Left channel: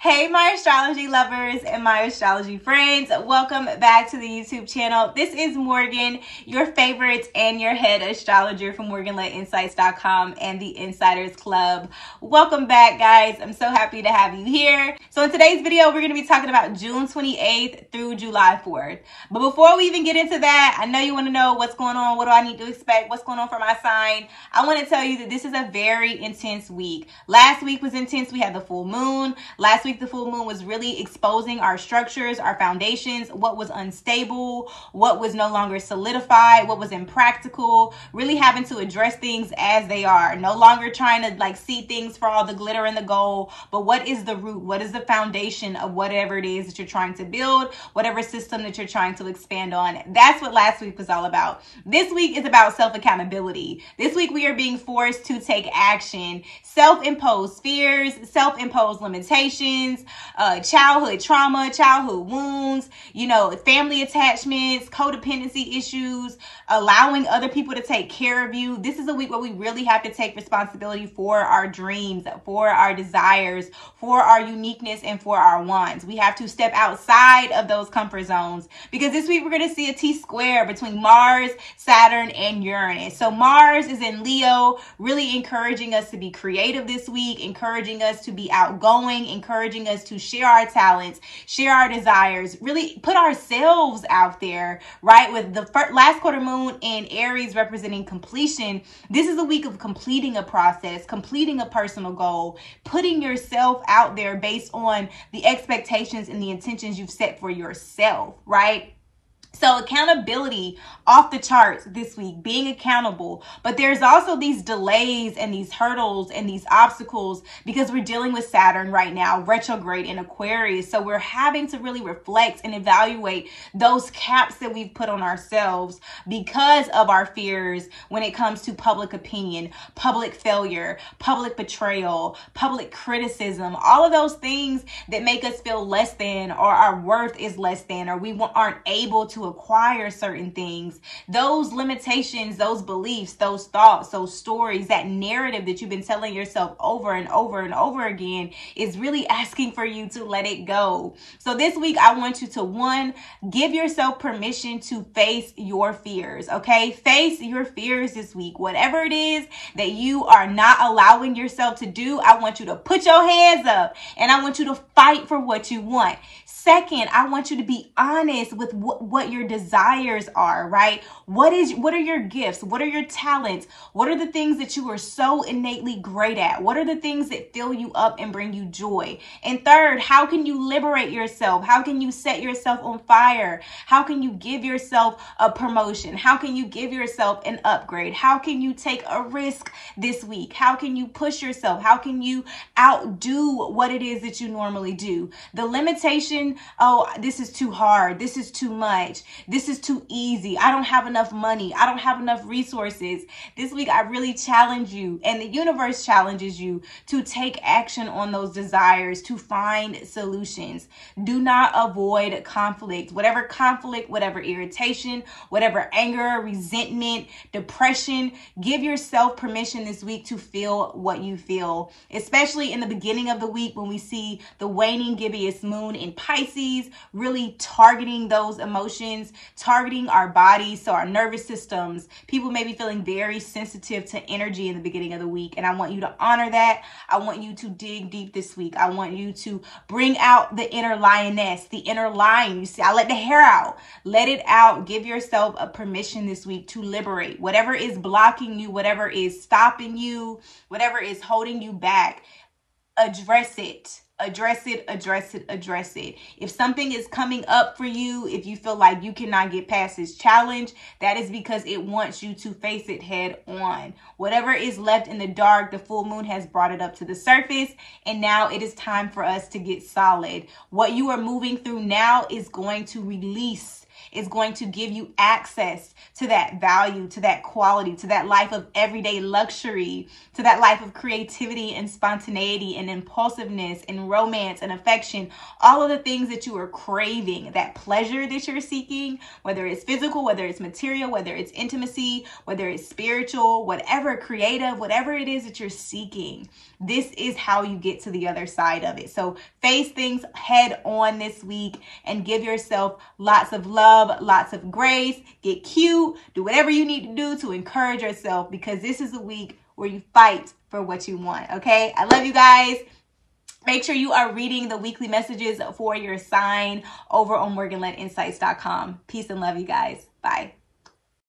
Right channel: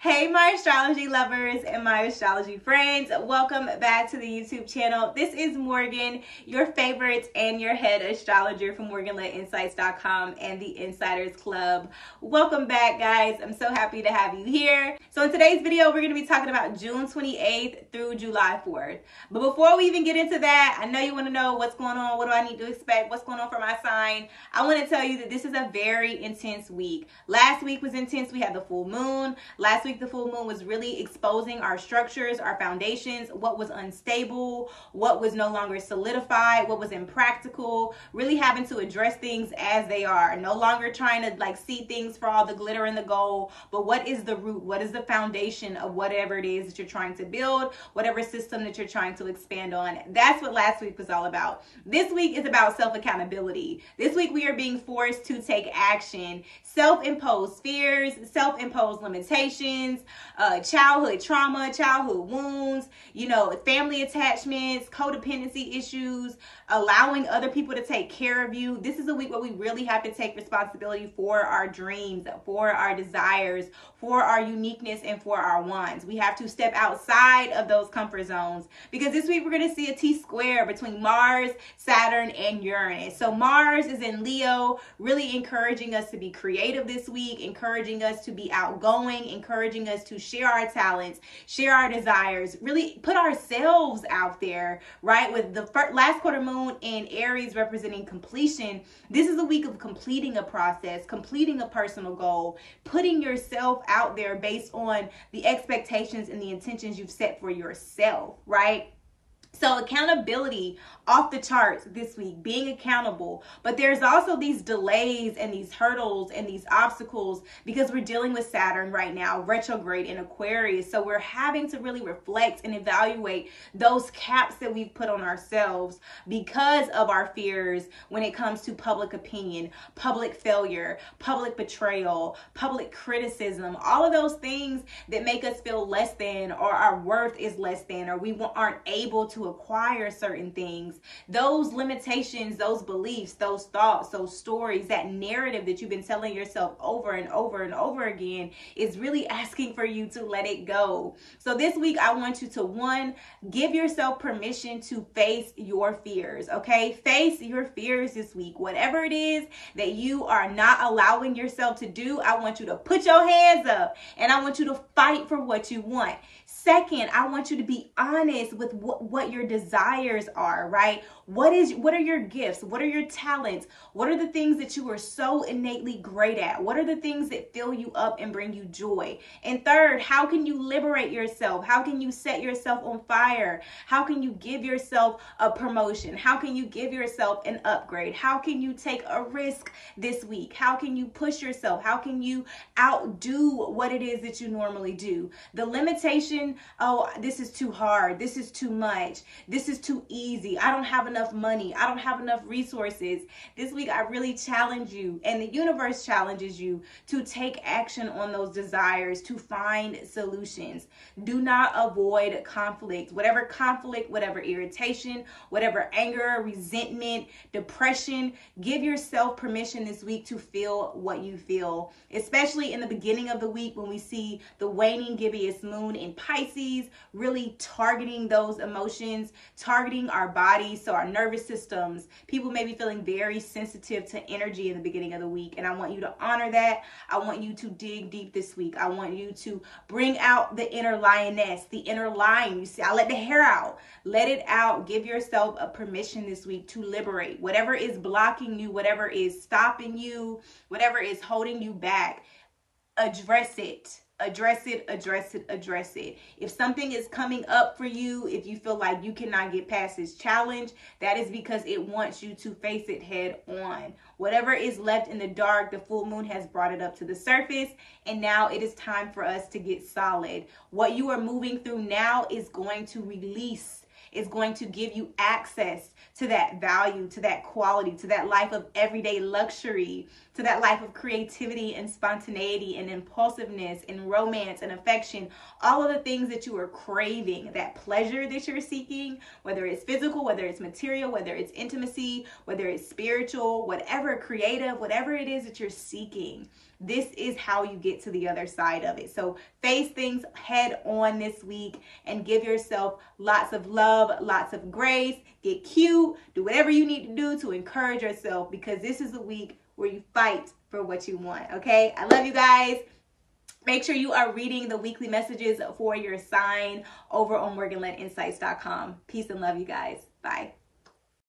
Hey my astrology lovers and my astrology friends, welcome back to the YouTube channel. This is Morgan, your favorite and your head astrologer from MorganLett and the Insiders Club. Welcome back, guys. I'm so happy to have you here. So in today's video, we're going to be talking about June 28th through July 4th. But before we even get into that, I know you want to know what's going on, what do I need to expect, what's going on for my sign. I want to tell you that this is a very intense week. Last week was intense. We had the full moon. Last week, the full moon was really exposing our structures, our foundations, what was unstable, what was no longer solidified, what was impractical, really having to address things as they are. No longer trying to see things for all the glitter and the gold, but what is the root? What is the foundation of whatever it is that you're trying to build, whatever system that you're trying to expand on? That's what last week was all about. This week is about self-accountability. This week we are being forced to take action. Self-imposed fears, self-imposed limitations, childhood trauma, childhood wounds, family attachments, codependency issues, allowing other people to take care of you. This is a week where we really have to take responsibility for our dreams, for our desires, for our uniqueness, and for our wants. We have to step outside of those comfort zones because this week we're going to see a T-square between Mars, Saturn, and Uranus. So Mars is in Leo, really encouraging us to be creative this week, encouraging us to be outgoing, encouraging us to share our talents, share our desires, really put ourselves out there, right? With the last quarter moon in Aries representing completion, this is a week of completing a process, completing a personal goal, putting yourself out there based on the expectations and the intentions you've set for yourself, right? So accountability off the charts this week, being accountable. But there's also these delays and these hurdles and these obstacles because we're dealing with Saturn right now, retrograde in Aquarius. So we're having to really reflect and evaluate those caps that we've put on ourselves because of our fears when it comes to public opinion, public failure, public betrayal, public criticism, all of those things that make us feel less than, or our worth is less than, or we aren't able to acquire certain things. Those limitations, those beliefs, those thoughts, those stories, that narrative that you've been telling yourself over and over and over again is really asking for you to let it go. So this week I want you to, one, give yourself permission to face your fears, okay? Face your fears this week. Whatever it is that you are not allowing yourself to do, I want you to put your hands up and I want you to fight for what you want. Second, I want you to be honest with what your desires are, right? What are your gifts? What are your talents? What are the things that you are so innately great at? What are the things that fill you up and bring you joy? And third, how can you liberate yourself? How can you set yourself on fire? How can you give yourself a promotion? How can you give yourself an upgrade? How can you take a risk this week? How can you push yourself? How can you outdo what it is that you normally do? The limitation, oh, this is too hard. This is too much. This is too easy. I don't have enough money. I don't have enough resources. This week, I really challenge you, and the universe challenges you to take action on those desires, to find solutions. Do not avoid conflict. Whatever irritation, whatever anger, resentment, depression, give yourself permission this week to feel what you feel, especially in the beginning of the week when we see the waning gibbous moon in Pisces, really targeting those emotions, targeting our bodies, so our nervous systems. People may be feeling very sensitive to energy in the beginning of the week, and I want you to honor that. I want you to dig deep this week. I want you to bring out the inner lioness, the inner lion. You see, I let the hair out. Let it out. Give yourself a permission this week to liberate whatever is blocking you, whatever is stopping you, whatever is holding you back. Address it. Address it, address it, address it. If something is coming up for you, if you feel like you cannot get past this challenge, that is because it wants you to face it head on. Whatever is left in the dark, the full moon has brought it up to the surface, and now it is time for us to get solid. What you are moving through now is going to release. is going to give you access to that value, to that quality, to that life of everyday luxury, to that life of creativity and spontaneity and impulsiveness and romance and affection, all of the things that you are craving, that pleasure that you're seeking, whether it's physical, whether it's material, whether it's intimacy, whether it's spiritual, whatever, creative, whatever it is that you're seeking. This is how you get to the other side of it. So face things head on this week and give yourself lots of love, lots of grace, get cute, do whatever you need to do to encourage yourself, because this is a week where you fight for what you want, okay? I love you guys. Make sure you are reading the weekly messages for your sign over on MorganLettInsights.com. Peace and love, you guys. Bye.